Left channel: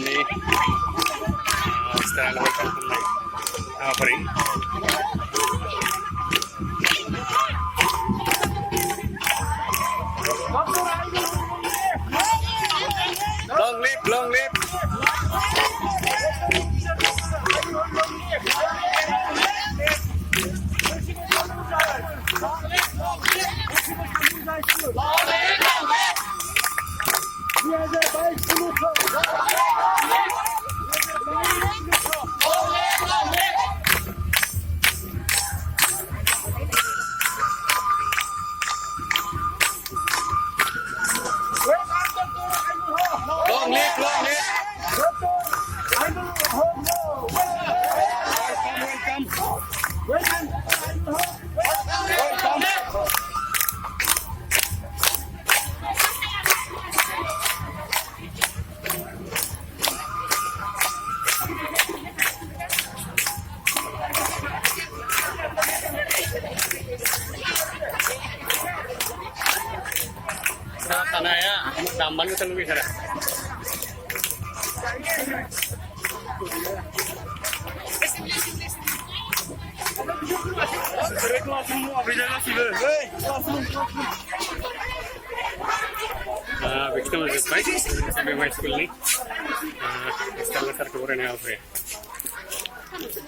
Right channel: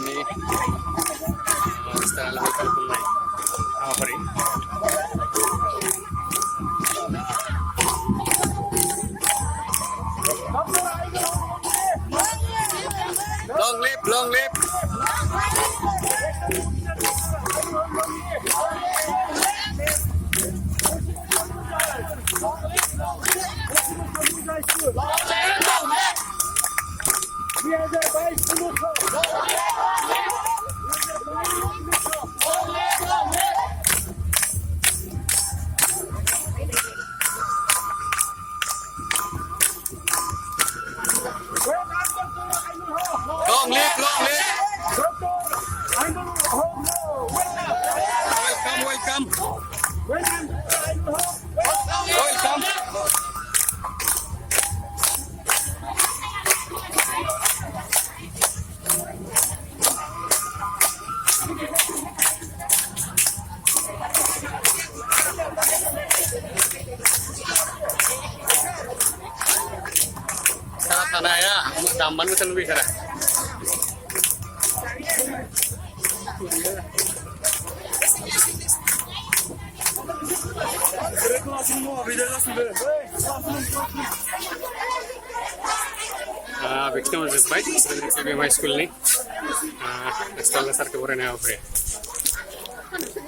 nih setelah welcome to my offering. Long live, long live. Long live, long live. Welcome, welcome. Welcome. Sa tanaya, damban mo sa lubi sara. Victim is baik, saya school ni. Install sahaja kemudian apa ya?